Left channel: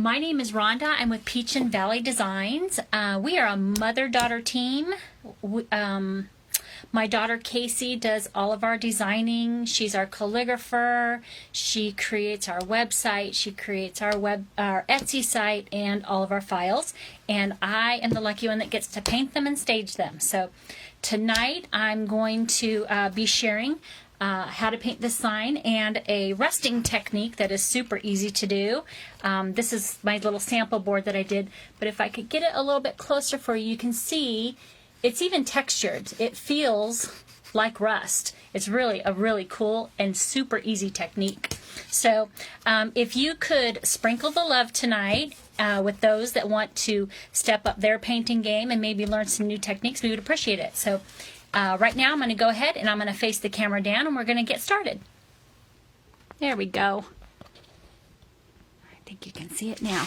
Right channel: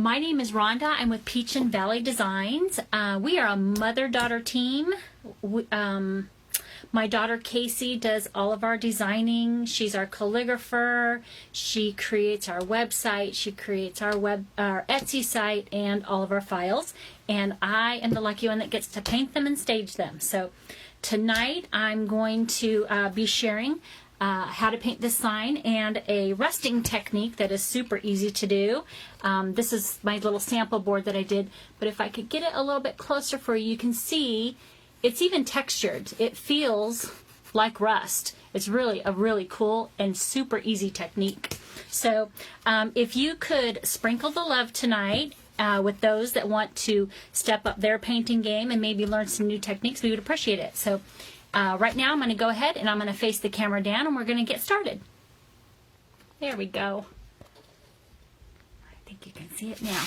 My name is Rhonda. I'm with Peach and Valley Designs. We are a mother-daughter team. My daughter Casey does all of our designing. She's our calligrapher. She creates our website. She creates our Etsy site and all of our files. And I am the lucky one that gets to paint them and stage them. So tonight I'm going to be sharing how to paint this sign and a rusting technique that is super easy to do. This is my little sample board that I did, but if I could get it a little bit closer for you, you can see it's even textured. It feels like rust. It's really a really cool and super easy technique. So if you could sprinkle the love tonight with those that want to step up their painting game and maybe learn some new techniques, we would appreciate it. So right now I'm going to go ahead and I'm going to face the camera down and we're going to get started. There we go. I think you can see it now.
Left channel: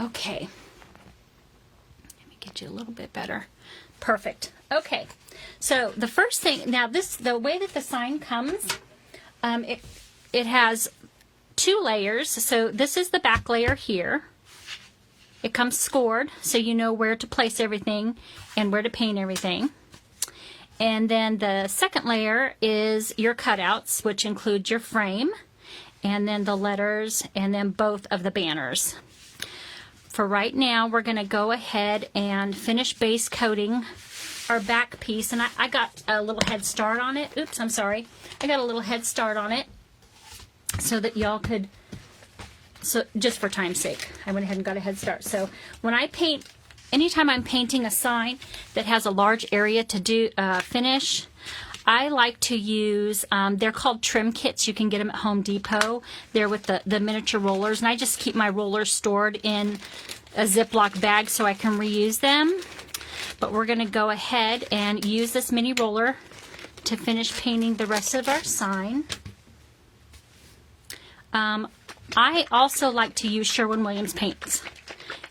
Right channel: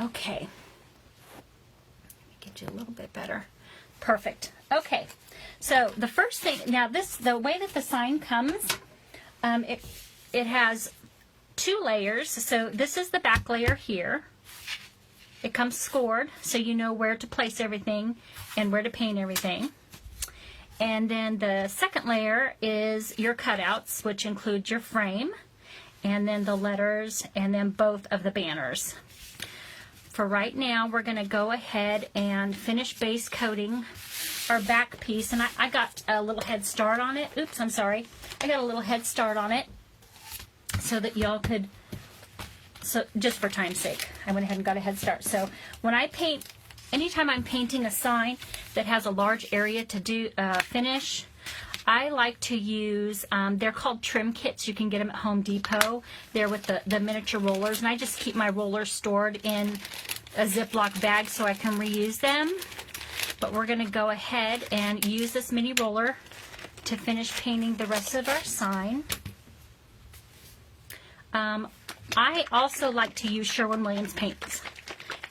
Okay. Let me get you a little bit better. Perfect. Okay. So the first thing, now the way that the sign comes, it has two layers. So this is the back layer here. It comes scored so you know where to place everything and where to paint everything. And then the second layer is your cutouts, which include your frame, and then the letters, and then both of the banners. For right now, we're going to go ahead and finish base coating our back piece. And I got a little head start on it. Oops, I'm sorry. I got a little head start on it so that y'all could, so just for time's sake, I went ahead and got a head start. So when I paint, anytime I'm painting a sign that has a large area to do finish, I like to use, they're called trim kits. You can get them at Home Depot. They're with the miniature rollers, and I just keep my rollers stored in a Ziploc bag so I can reuse them. But we're going to go ahead and use this mini roller to finish painting the rest of our sign. I also like to use Sherwin-Williams paints,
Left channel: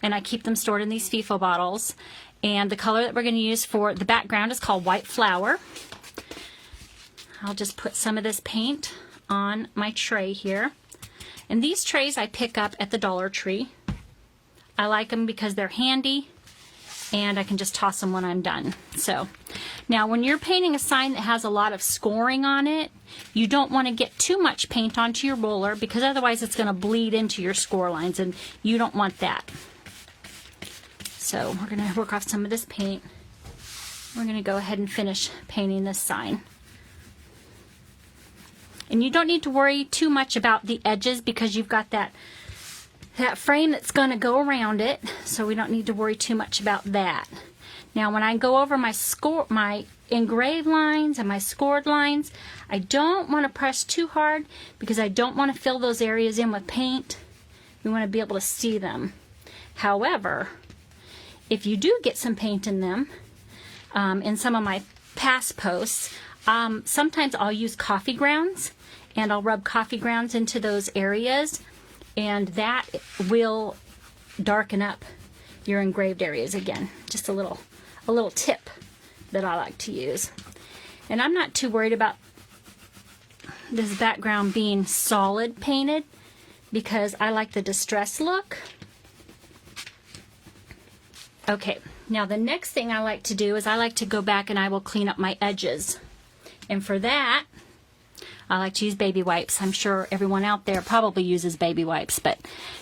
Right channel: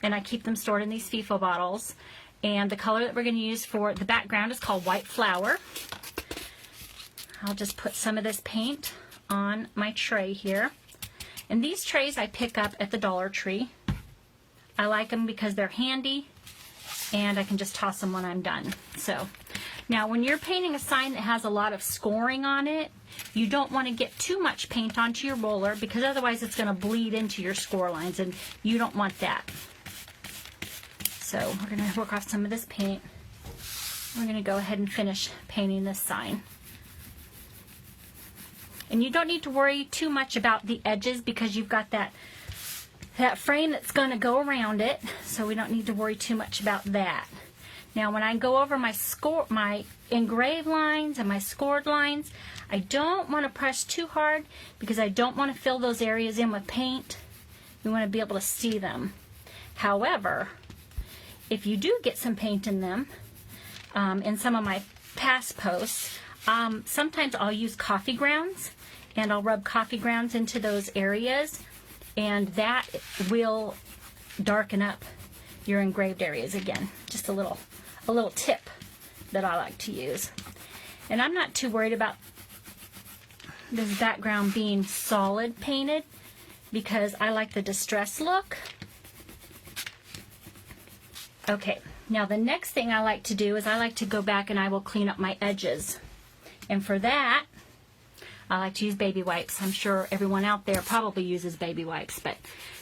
and I keep them stored in these FIFO bottles. And the color that we're going to use for the background is called White Flower. I'll just put some of this paint on my tray here. And these trays I pick up at the Dollar Tree. I like them because they're handy and I can just toss them when I'm done. So now when you're painting a sign that has a lot of scoring on it, you don't want to get too much paint onto your roller because otherwise it's going to bleed into your score lines and you don't want that. So we're going to work off some of this paint. We're going to go ahead and finish painting this sign. And you don't need to worry too much about the edges because you've got that frame that's going to go around it, so we don't need to worry too much about that. Now when I go over my engraved lines and my scored lines, I don't want to press too hard because I don't want to fill those areas in with paint. We want to be able to see them. However, if you do get some paint in them, in some of my past posts, sometimes I'll use coffee grounds and I'll rub coffee grounds into those areas, and that will darken up your engraved areas again. Just a little tip that I like to use. And I'm not too worried about this background being solid painted because I like the distress look. Okay, now the next thing I like to do is I like to go back and I will clean up my edges. And for that, I like to use baby wipes. I'm sure everyone out there probably uses baby wipes, but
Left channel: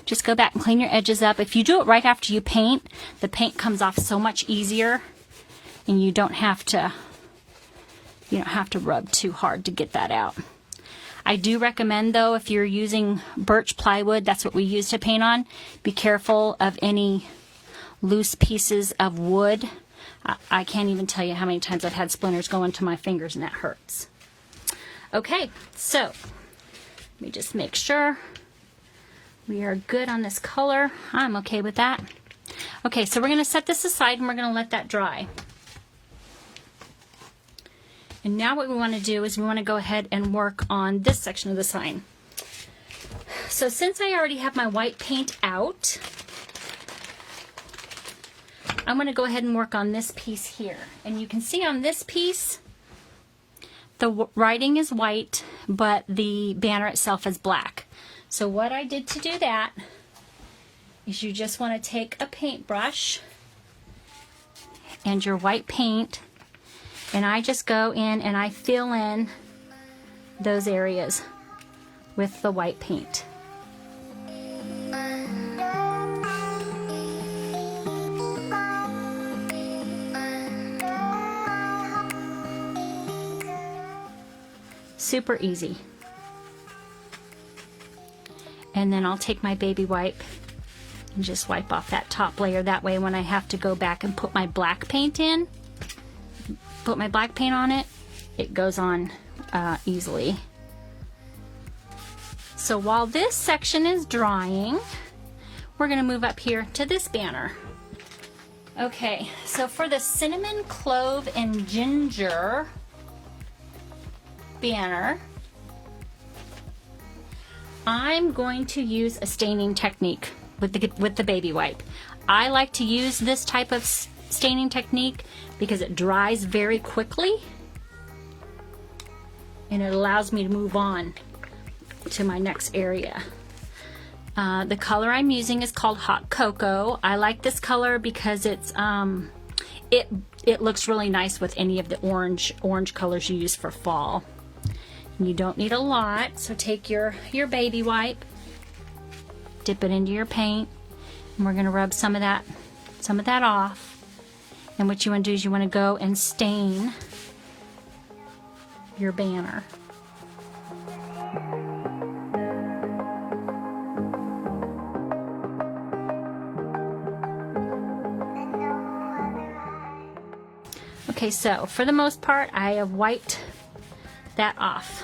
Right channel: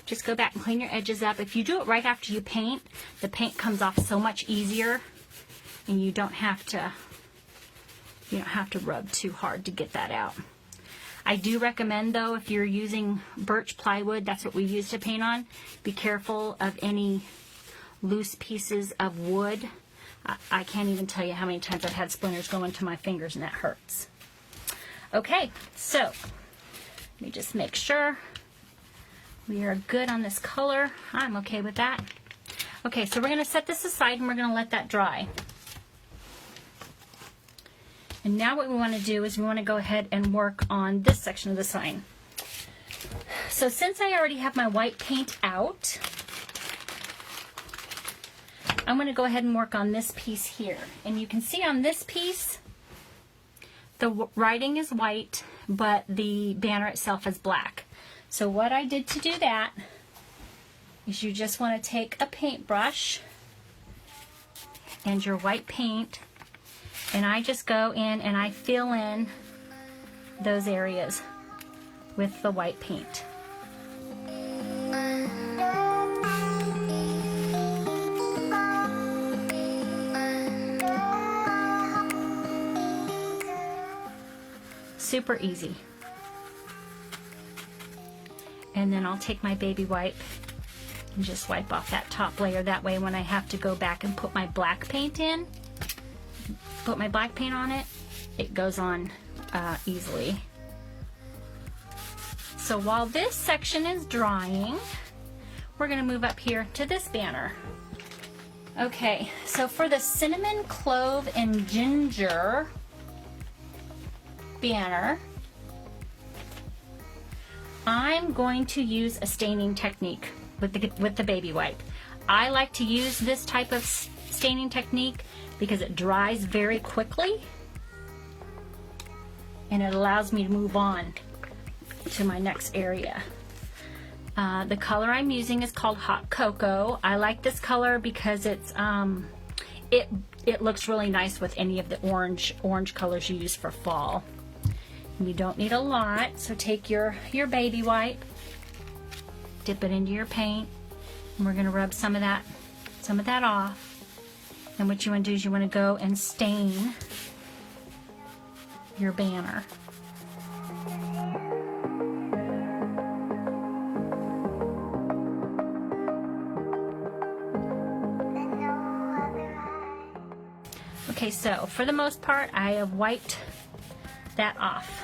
just go back and clean your edges up. If you do it right after you paint, the paint comes off so much easier and you don't have to rub too hard to get that out. I do recommend though, if you're using birch plywood, that's what we use to paint on, be careful of any loose pieces of wood. I can't even tell you how many times I've had splinters go into my fingers and that hurts. Okay, so let me just make sure we are good on this color. I'm okay with that. Okay, so we're going to set this aside and we're going to let that dry. And now what we want to do is we want to go ahead and work on this section of the sign. So since I already have my white paint out, I'm going to go ahead and work on this piece here. And you can see on this piece, the writing is white, but the banner itself is black. So what I did to do that is you just want to take a paintbrush and your white paint, and I just go in and I fill in those areas with the white paint. Super easy. And then I'll take my baby wipe and just wipe off that top layer. That way when I have to go back and put my black paint in, put my black paint on it, it goes on easily. So while this section is drying, we're going to move up here to this banner. Okay, so for the cinnamon, clove, and ginger banner, I'm going to use a staining technique with the baby wipe. I like to use this type of staining technique because it dries very quickly and it allows me to move on to my next area. The color I'm using is called Hot Cocoa. I like this color because it's it looks really nice with any of the orange colors you use for fall. And you don't need a lot, so take your baby wipe, dip it into your paint, and we're going to rub some of that off. And what you want to do is you want to go and stain your banner. Okay, so for the most part, I have wiped that off.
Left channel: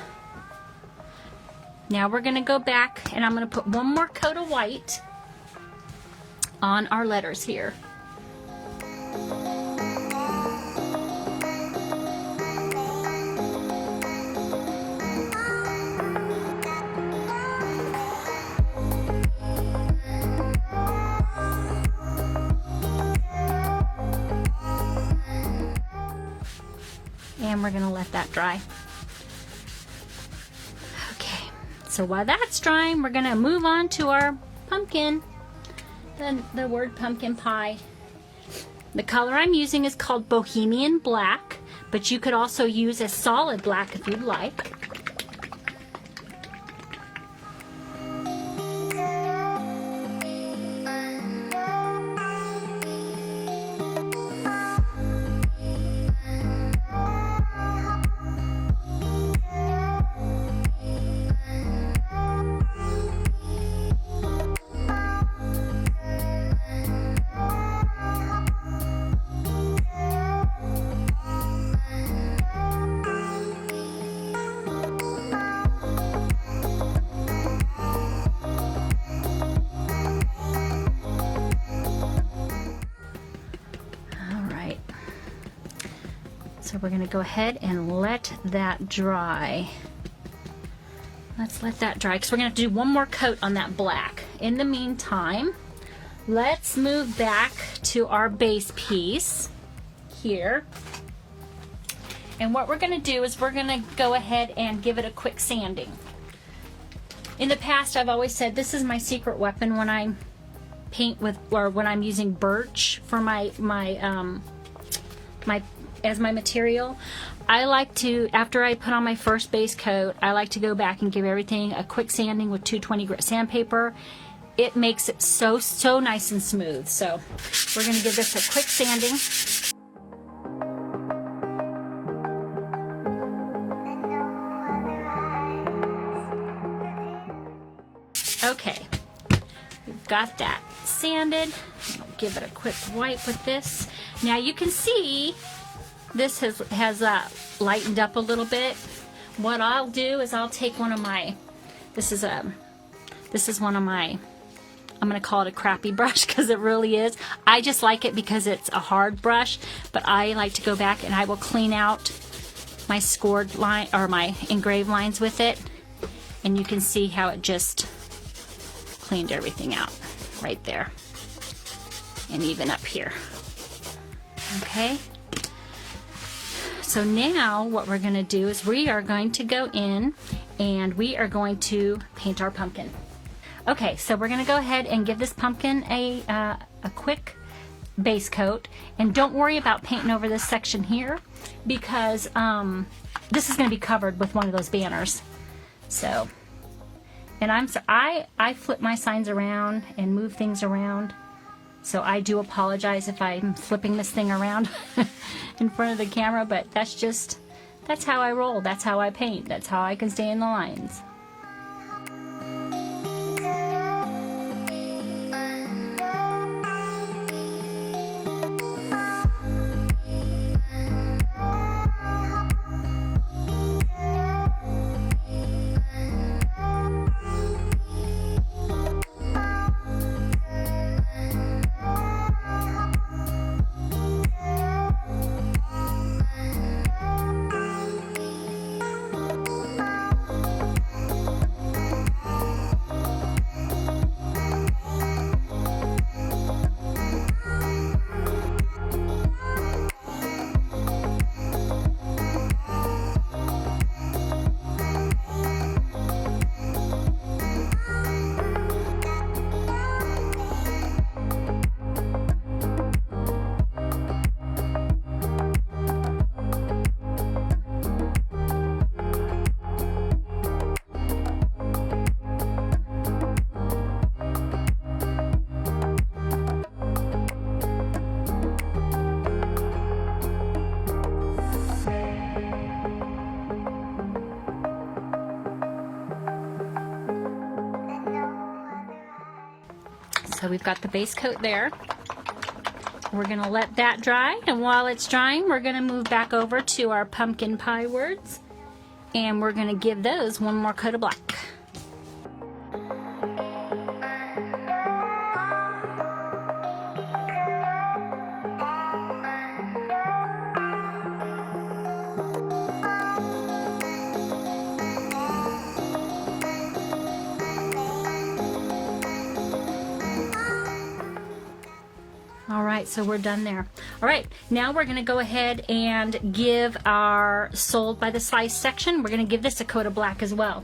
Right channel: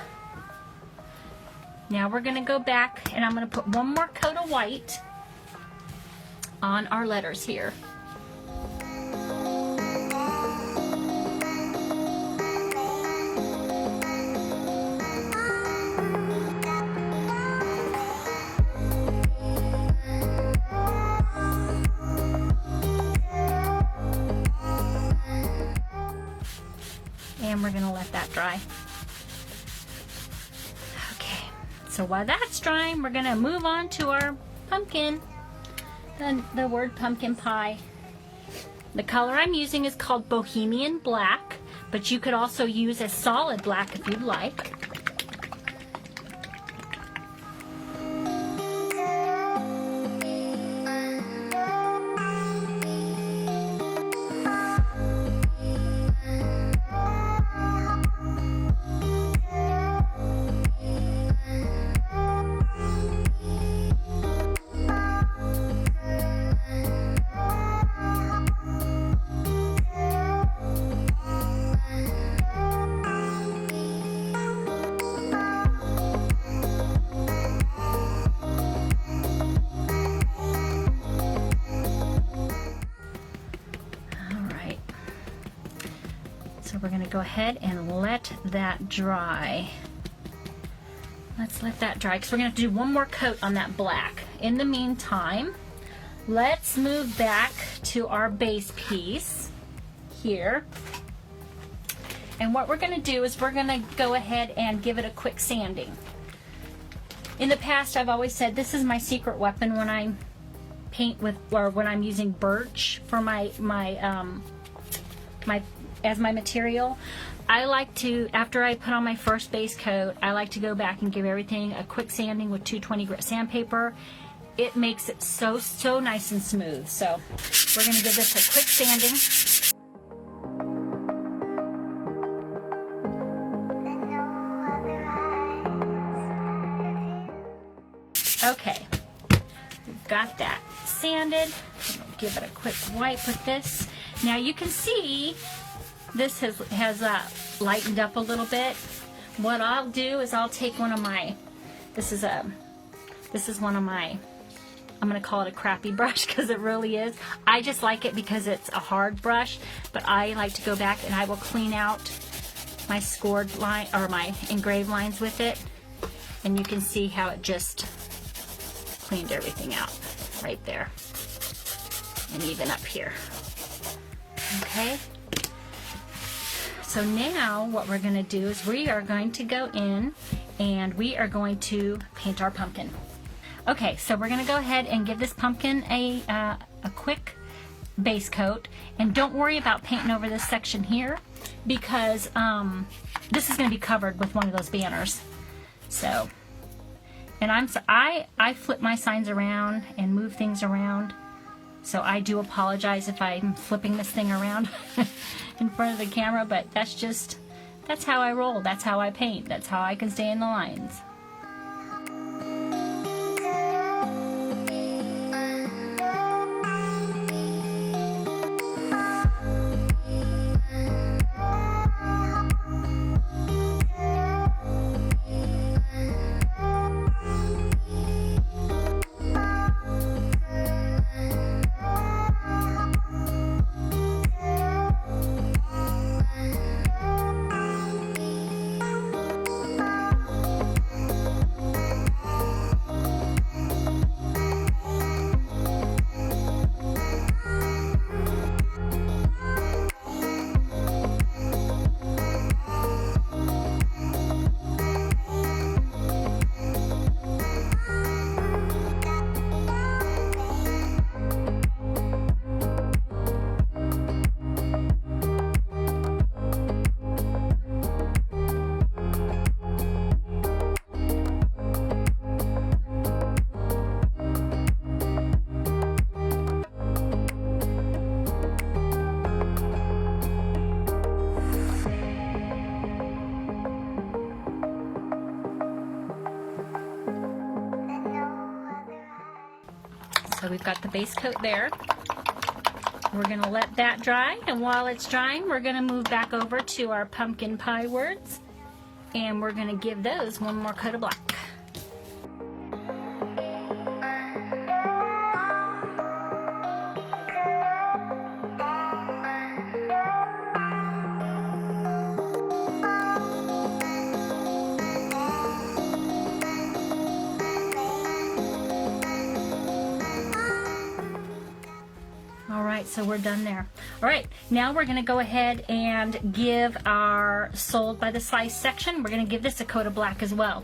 Now we're going to go back and I'm going to put one more coat of white on our letters here. And we're going to let that dry. Okay, so while that's drying, we're going to move on to our pumpkin, the word pumpkin pie. The color I'm using is called Bohemian Black, but you could also use a solid black if you'd like. So we're going to go ahead and let that dry. Let's let that dry because we're going to have to do one more coat on that black. In the meantime, let's move back to our base piece here. And what we're going to do is we're going to go ahead and give it a quick sanding. In the past, I've always said this is my secret weapon when I paint with, or when I'm using birch for as my material. I like to, after I put on my first base coat, I like to go back and give everything a quick sanding with 220 grit sandpaper. It makes it so nice and smooth. So we're going to give this a quick sanding. Okay, we've got that sanded. Give it a quick wipe with this. Now you can see this has lightened up a little bit. What I'll do is I'll take one of my, this is one of my, I'm going to call it a crappy brush because it really is. I just like it because it's a hard brush, but I like to go back and I will clean out my scored line or my engraved lines with it, and you can see how it just cleaned everything out right there, and even up here. Okay, so now what we're going to do is we are going to go in and we are going to paint our pumpkin. Okay, so we're going to go ahead and give this pumpkin a quick base coat, and don't worry about painting over this section here because this is going to be covered with one of those banners. So, and I flip my signs around and move things around, so I do apologize if I'm flipping this thing around in front of the camera, but that's how I roll, that's how I paint, that's how I can stay in the lines. So we've got the base coat there. We're going to let that dry, and while it's drying, we're going to move back over to our pumpkin pie words, and we're going to give those one more coat of black. So we're done there. All right, now we're going to go ahead and give our sold by the slice section, we're going to give this a coat of black as well.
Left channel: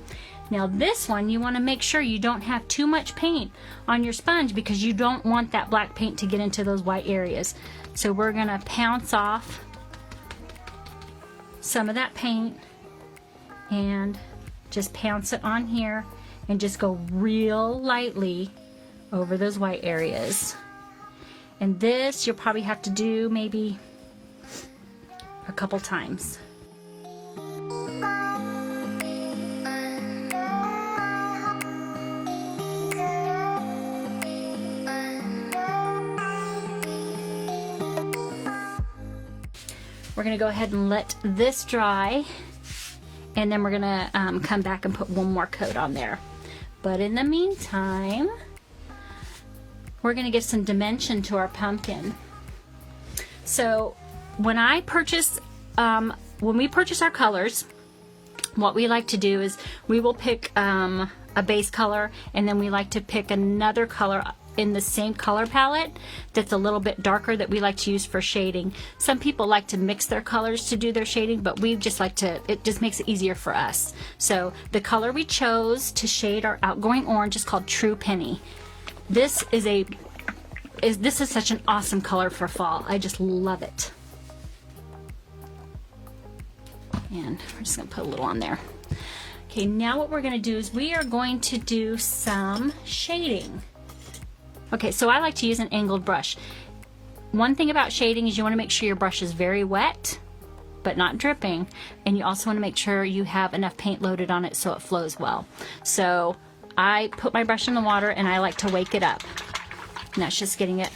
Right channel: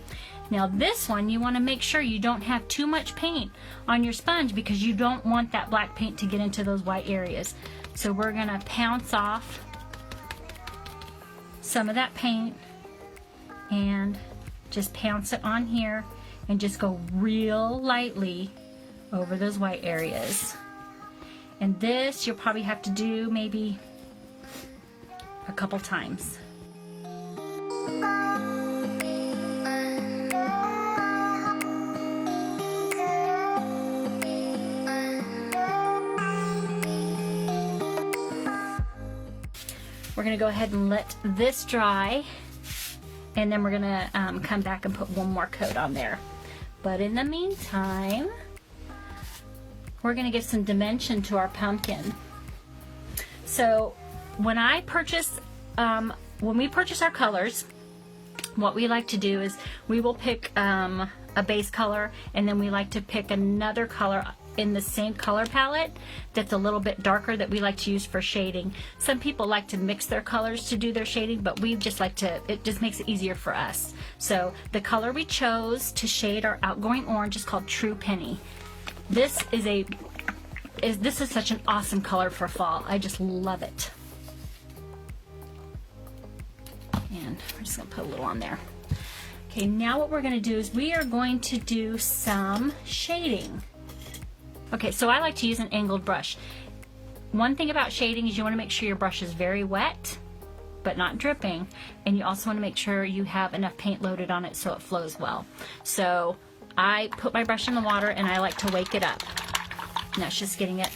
Now this one, you want to make sure you don't have too much paint on your sponge because you don't want that black paint to get into those white areas. So we're going to pounce off some of that paint and just pounce it on here and just go real lightly over those white areas. And this you'll probably have to do maybe a couple times. We're going to go ahead and let this dry, and then we're going to come back and put one more coat on there. But in the meantime, we're going to give some dimension to our pumpkin. So when we purchase our colors, what we like to do is we will pick a base color, and then we like to pick another color in the same color palette that's a little bit darker that we like to use for shading. Some people like to mix their colors to do their shading, but we just like to, it just makes it easier for us. So the color we chose to shade our outgoing orange is called True Penny. This is such an awesome color for fall. I just love it. And we're just going to put a little on there. Okay, now what we're going to do is we are going to do some shading. Okay, so I like to use an angled brush. One thing about shading is you want to make sure your brush is very wet, but not dripping. And you also want to make sure you have enough paint loaded on it so it flows well. So I put my brush in the water and I like to wake it up. And that's just getting it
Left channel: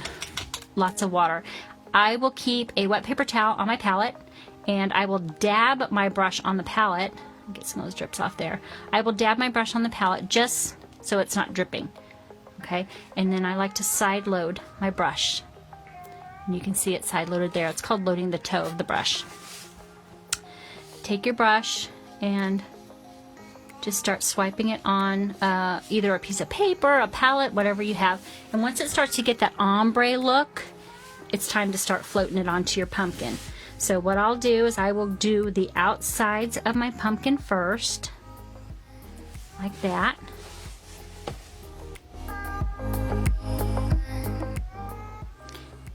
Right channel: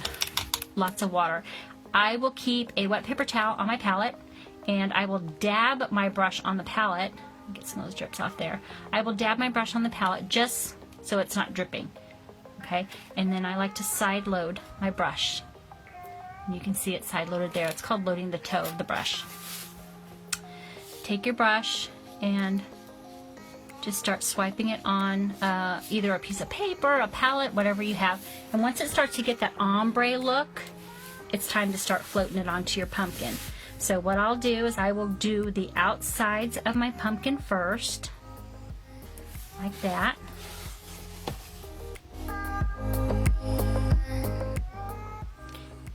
lots of water. I will keep a wet paper towel on my palette, and I will dab my brush on the palette. Get some of those drips off there. I will dab my brush on the palette just so it's not dripping. Okay, and then I like to side load my brush. And you can see it side loaded there. It's called loading the toe of the brush. Take your brush and just start swiping it on either a piece of paper, a palette, whatever you have. And once it starts to get that ombre look, it's time to start floating it onto your pumpkin. So what I'll do is I will do the outsides of my pumpkin first, like that.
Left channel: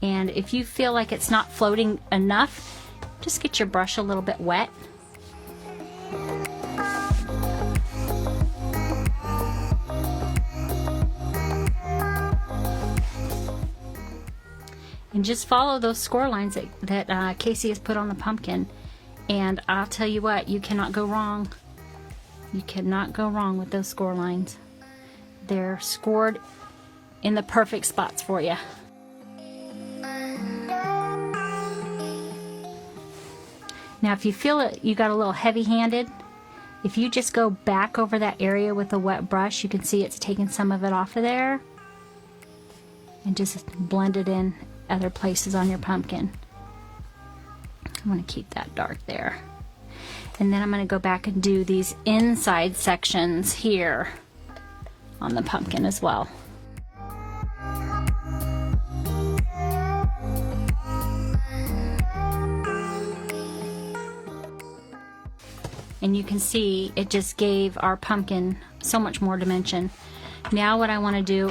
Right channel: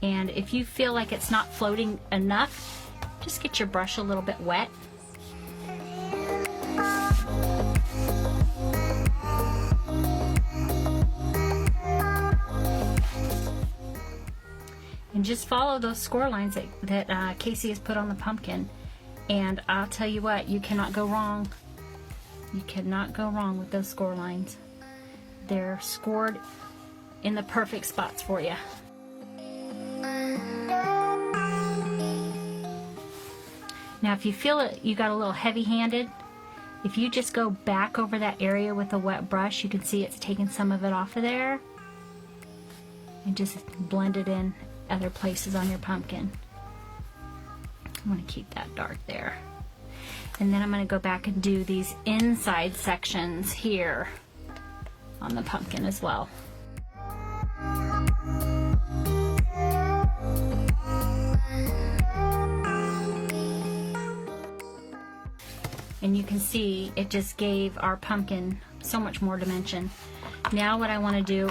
And if you feel like it's not floating enough, just get your brush a little bit wet. And just follow those score lines that Casey has put on the pumpkin. And I'll tell you what, you cannot go wrong. You cannot go wrong with those score lines. They're scored in the perfect spots for you. Now if you feel it, you got a little heavy-handed, if you just go back over that area with a wet brush, you can see it's taking some of it off of there. And just blend it in other places on your pumpkin. I'm going to keep that dark there. And then I'm going to go back and do these inside sections here on the pumpkin as well. And you can see it just gave our pumpkin so much more dimension. Now what I want to do,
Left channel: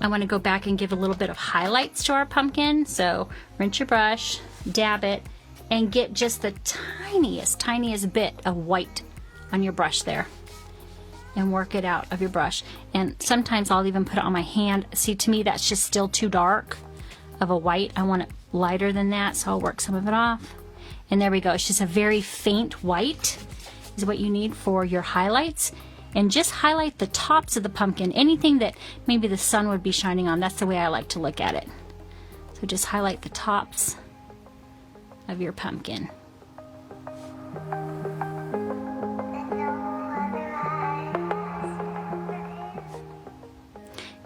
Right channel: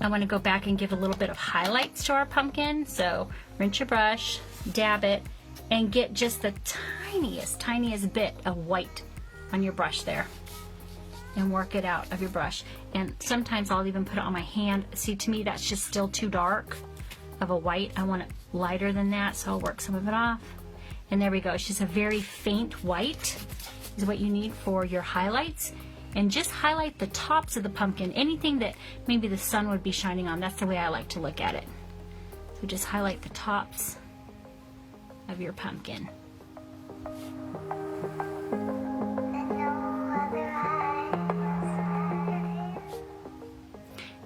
I want to go back and give a little bit of highlights to our pumpkin. So rinse your brush, dab it, and get just the tiniest bit of white on your brush there. And work it out of your brush. And sometimes I'll even put it on my hand. See, to me that's just still too dark of a white. I want it lighter than that, so I'll work some of it off. And there we go. It's just a very faint white is what you need for your highlights. And just highlight the tops of the pumpkin. Anything that maybe the sun would be shining on. That's the way I like to look at it. So just highlight the tops of your pumpkin.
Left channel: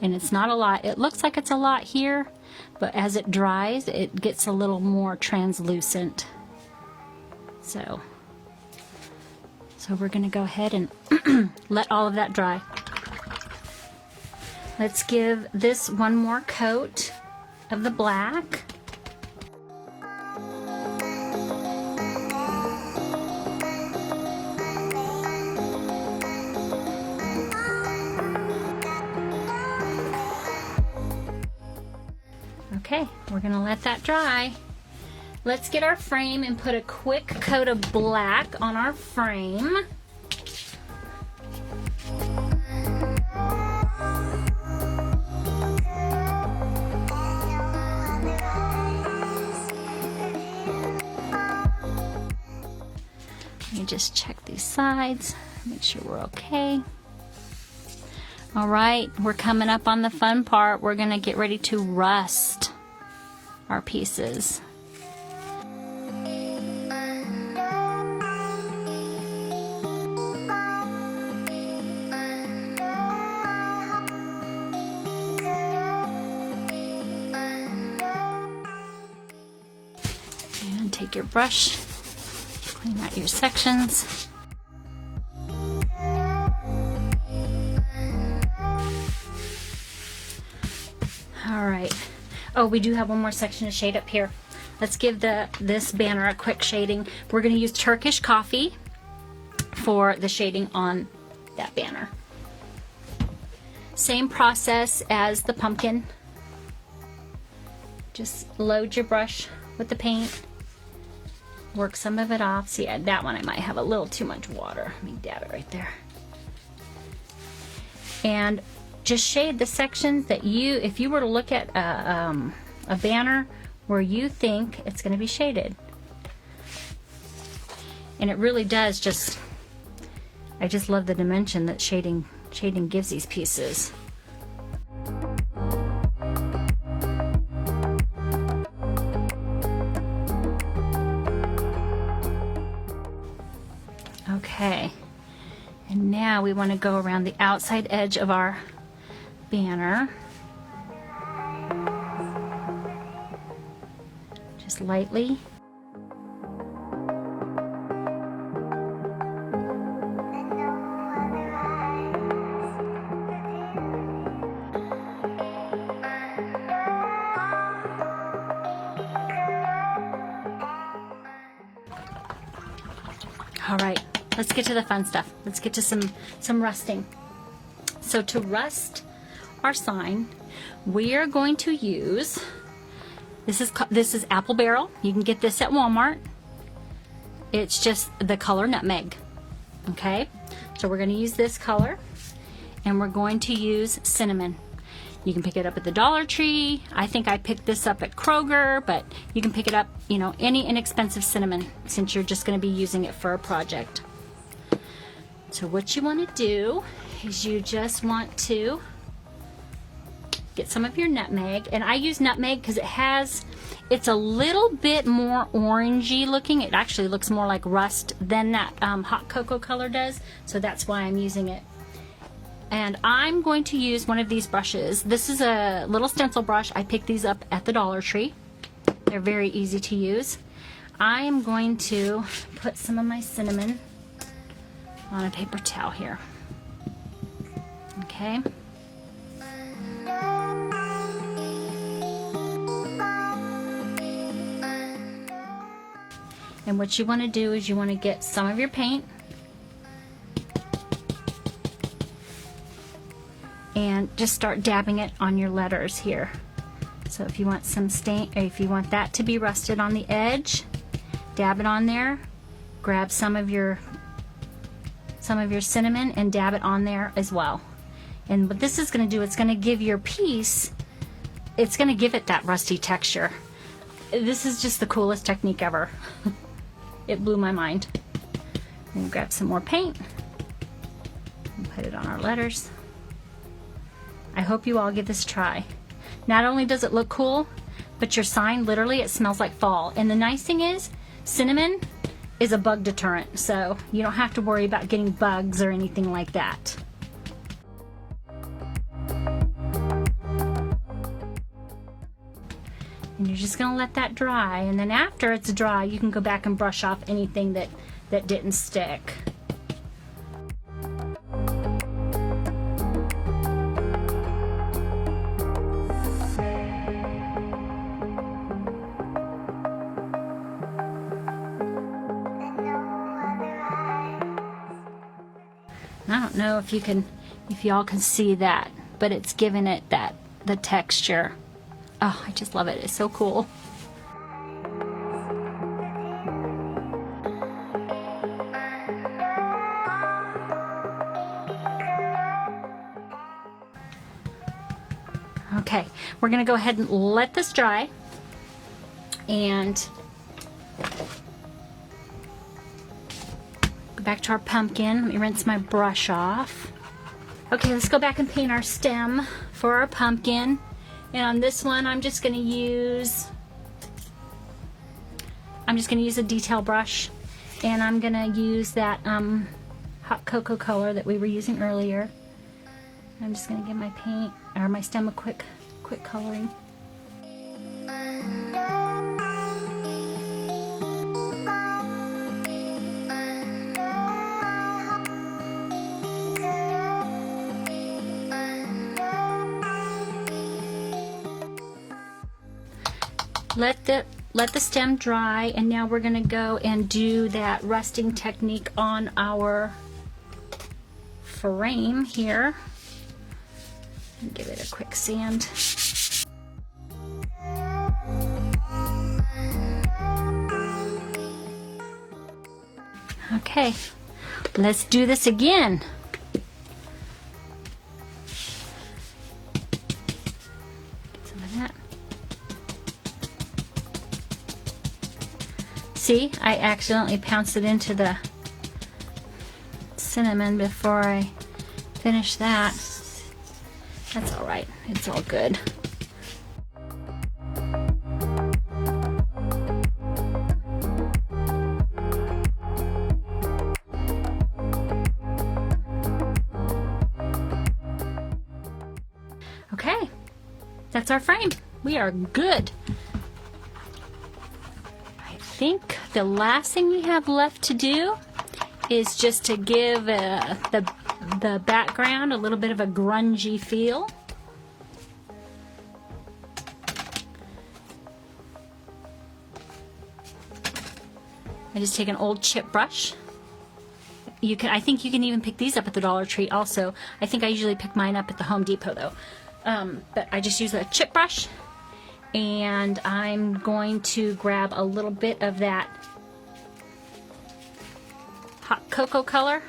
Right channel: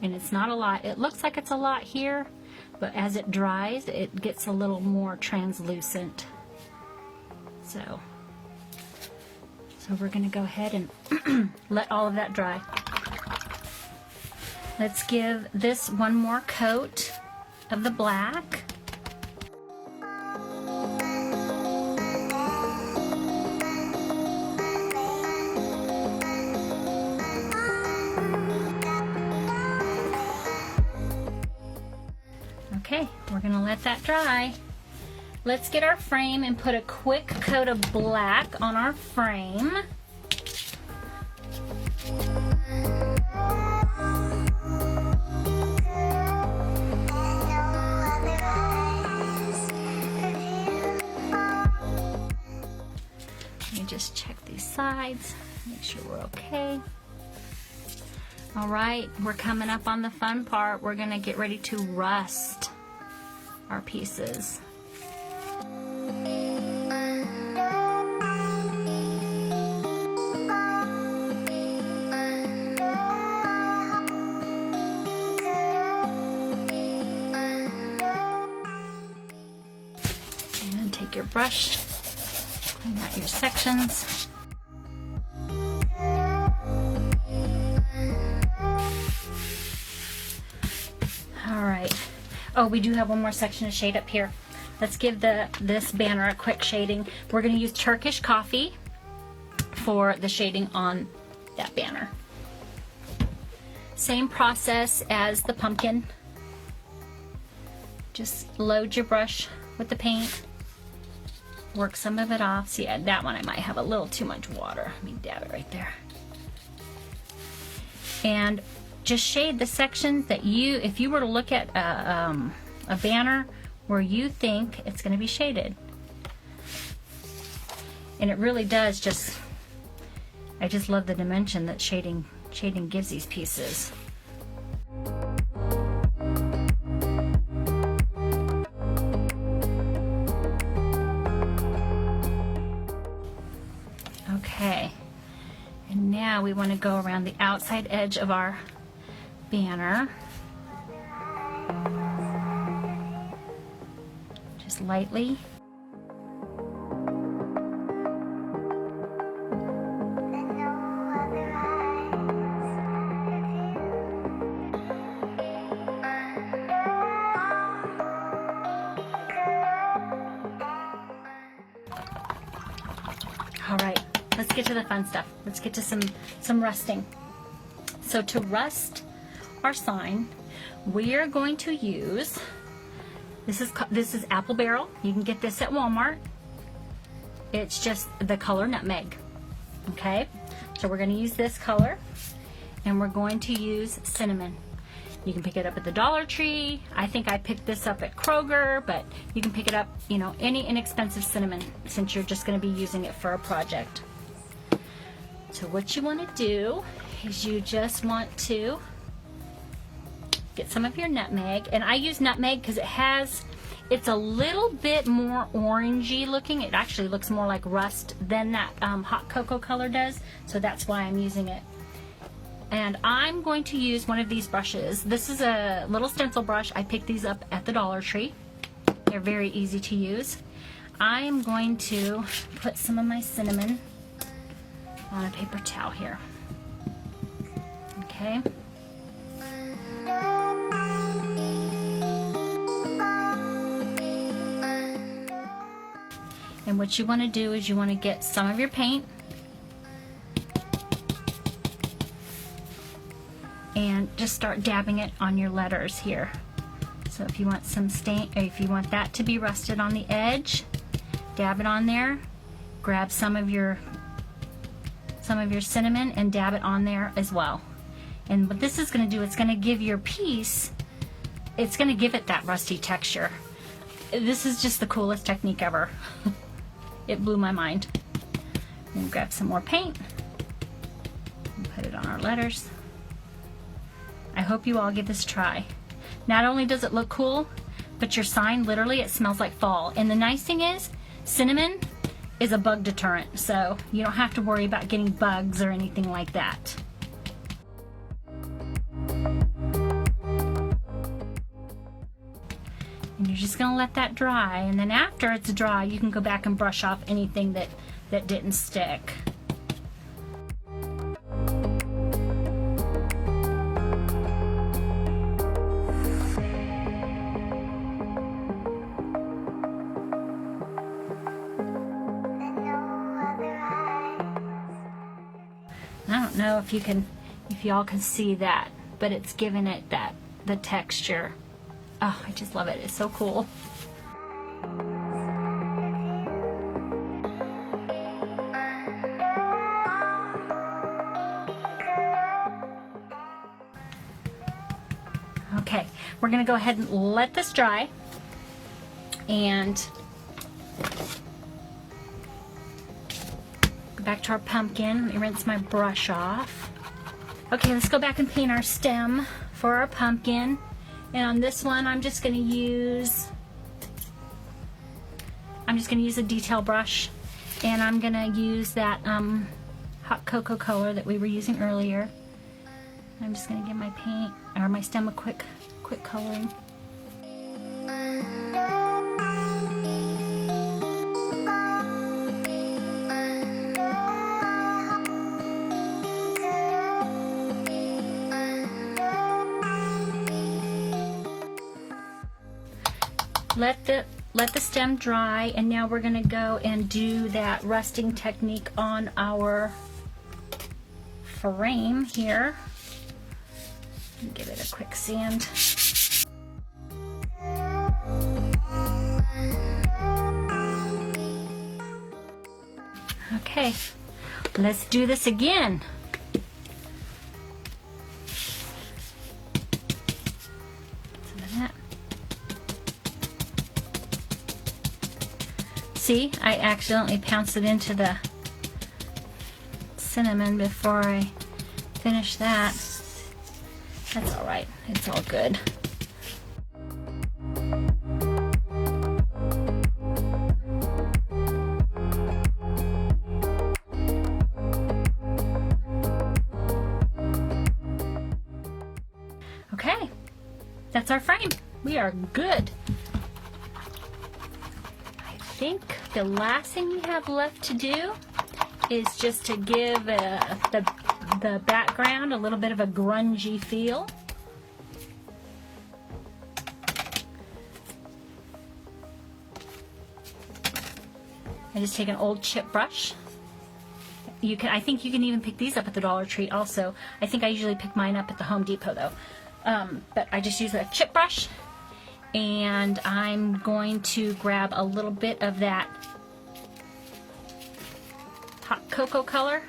And it's not a lot. It looks like it's a lot here, but as it dries, it gets a little more translucent. So we're going to go ahead and let all of that dry. Let's give this one more coat of the black. Okay, we're going to let that dry. Let's get our frame and put a quick coat of black on our frame. Let me just check these sides, make sure we're okay. All right, we're coming up on the fun part. We're going to get ready to rust our pieces. And take your brush, clean out your sections. Oh, we do have one more section to shade up here. Let's give this banner a quick shading. We're going to use Turkish coffee for the shading on that banner. Same process as the pumpkin. Just load your brush with the paint. Work some of it off. See, that one I might have a little too much water. Let me dab it right there. And just shade the sections that if you were to look at a banner where you think it's going to be shaded. And it really does I just love the dimension that shading gives these pieces. Okay, and now we want to go around the outside edge of our banner. Just lightly. All right, let's get to the fun stuff. Let's get to some rusting. So to rust our sign, We are going to use, this is apple barrel. You can get this at Walmart. It's just the color nutmeg. Okay, so we're going to use this color, and we're going to use cinnamon. You can pick it up at the Dollar Tree. I think I picked this up at Kroger, but you can pick it up, you know, any inexpensive cinnamon, since you're just going to be using it for a project. So what you want to do is you just want to get some of your nutmeg, and I use nutmeg because it's a little bit more orangey looking. It actually looks more like rust than that hot cocoa color does, so that's why I'm using it. And I'm going to use one of these brushes. This is a little stencil brush. I picked these up at the Dollar Tree. They're very easy to use. I'm going to put some of my cinnamon on a paper towel here. Okay. And what you want to do is you want to get some of your paint and just start dabbing it on your letters here. So if you want some stain, if you want that to be rusted on the edge, dab it on there. Grab some of your cinnamon and dab it on there as well. And what this is going to do, it's going to give your piece, it's going to give it that rusty texture. This is just the coolest technique ever. It blew my mind. And grab some more paint and put it on our letters. I hope you all give this a try. Not only does it look cool, but your sign, literally, it smells like fall. And the nice thing is, cinnamon is a bug deterrent, so you don't have to worry about getting bugs or anything like that. And you're just going to let that dry, and then after it's dry, you can go back and brush off anything that didn't stick. I don't know if y'all can see that, but it's giving it the texture. Oh, I just love it. It's so cool. Okay, we're going to go ahead and let this dry. And go back to our pumpkin. Let me rinse my brush off. Okay, let's go back and paint our stem for our pumpkin. And on this one, I'm just going to use a detail brush, and I'm going to use that hot cocoa color that we were using earlier. I'm just going to give my paint or my stem a quick coloring. Let the stem dry, and now we're going to go and do that rusting technique on our frame here. Give it a quick sand. Okay, let's do this again. See, I accidentally pounced it into the cinnamon before I finished that. That's all right. It's all good. Okay, that's our frame. We are good. I think the last thing we have left to do is just to give the background a little bit of a grungy feel. I just take an old chip brush. I think you can even pick these up at the Dollar Tree also. I think I usually pick mine up at the Home Depot though. but I just use a chip brush, and I'm going to grab a little bit of that hot cocoa color.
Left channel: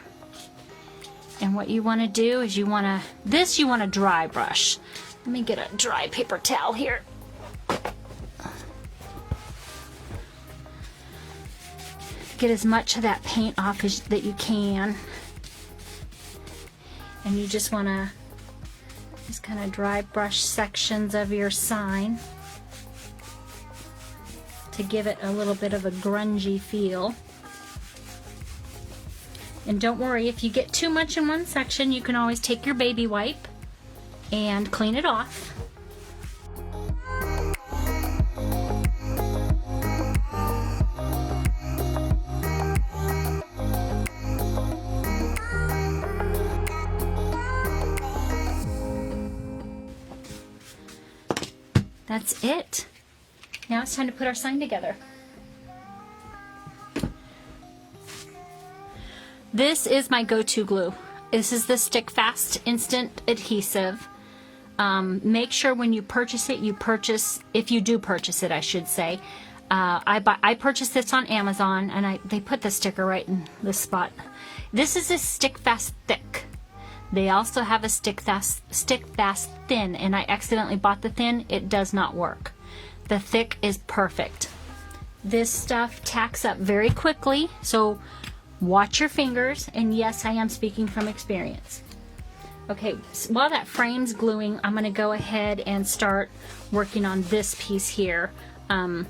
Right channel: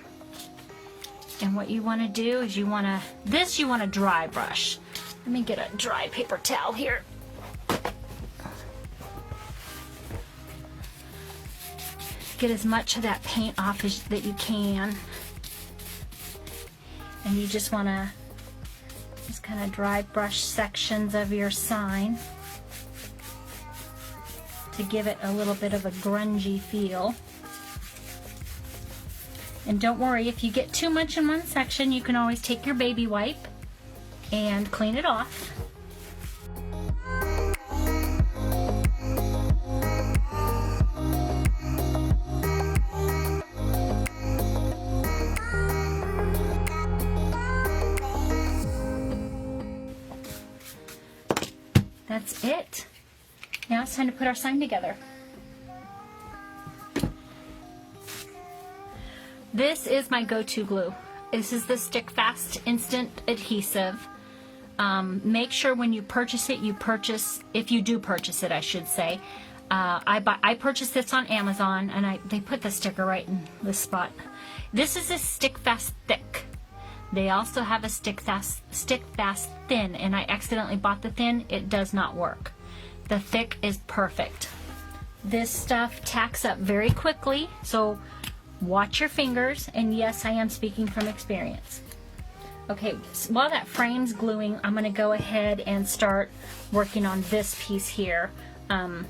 And what you want to do is you want to dry brush. Let me get a dry paper towel here. Get as much of that paint off that you can. And you just want to just kind of dry brush sections of your sign to give it a little bit of a grungy feel. And don't worry, if you get too much in one section, you can always take your baby wipe and clean it off. That's it. Now it's time to put our sign together. This is my go-to glue. This is the Stick Fast Instant Adhesive. Make sure when you purchase it, if you do purchase it, I should say. I purchased this on Amazon, and they put the sticker right in this spot. This is a Stick Fast Thick. They also have a Stick Fast Thin, and I accidentally bought the thin. It does not work. The thick is perfect. This stuff tacks up very quickly, so watch your fingers, and yes, I am speaking from experience. Okay, so while that frame's gluing, I'm going to go ahead and start working on this piece here. A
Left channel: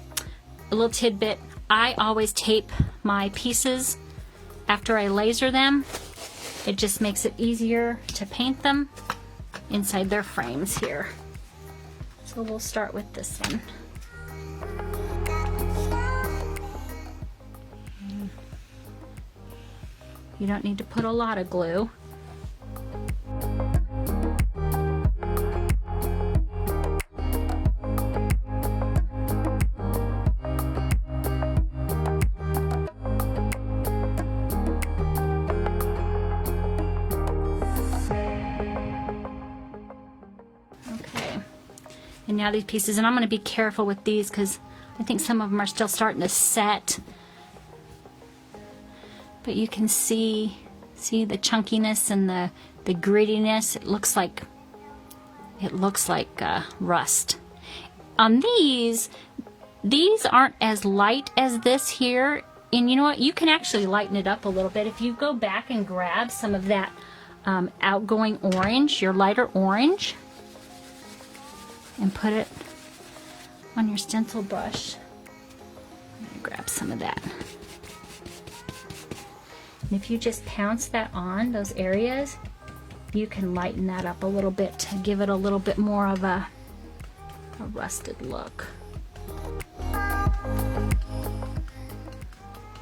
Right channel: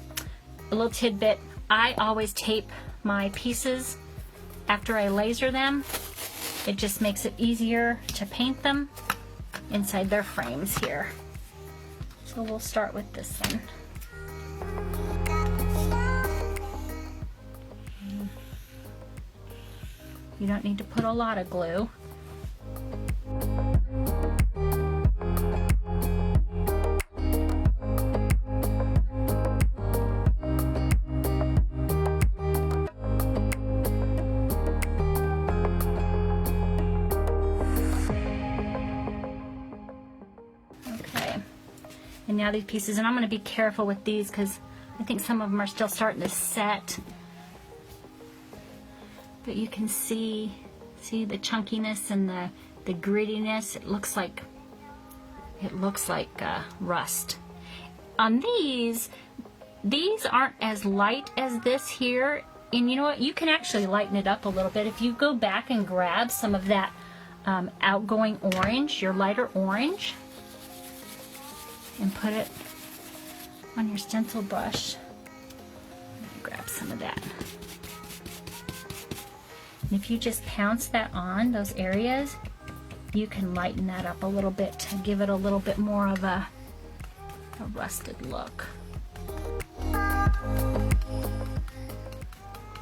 little tidbit, I always tape my pieces after I laser them. It just makes it easier to paint them inside their frames here. So we'll start with this one. You don't need to put a lot of glue. Okay. And now these pieces, and I'm going to be careful with these because I think some of them are still starting to set. But you can see the chunkiness and the grittiness. It looks like rust. On these aren't as light as this here. And you know what? You can actually lighten it up a little bit. If you go back and grab some of that outgoing orange, your lighter orange, and put it on your stencil brush. Grab some of that. And if you just pounce that on those areas, you can lighten that up a little bit to give it a little bit more of a rusted look.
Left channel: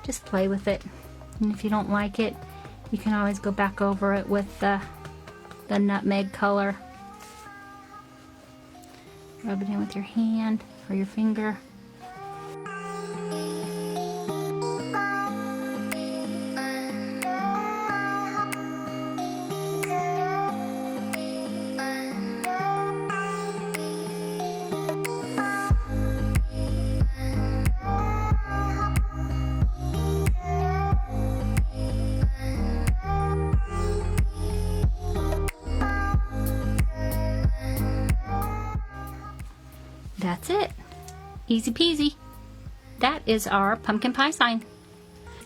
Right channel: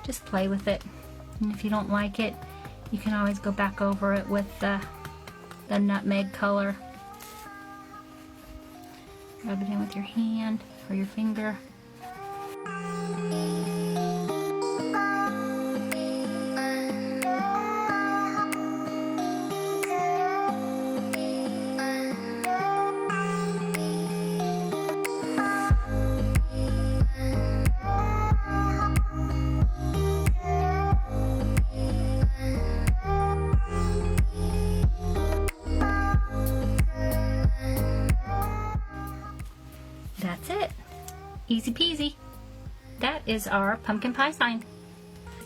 Just play with it. And if you don't like it, you can always go back over it with the nutmeg color. Rub it in with your hand or your finger. That's it. Easy peasy. That is our pumpkin pie sign.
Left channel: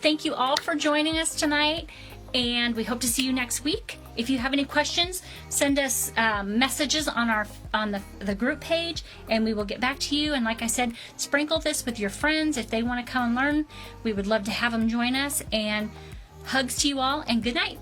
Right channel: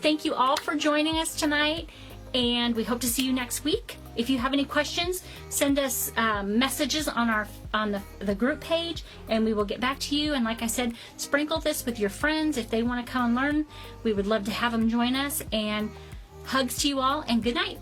Thank you all for joining us tonight, and we hope to see you next week. If you have any questions, send us messages on the group page, and we will get back to you. And like I said, sprinkle this with your friends if they want to come and learn. We would love to have them join us. And hugs to you all, and good night.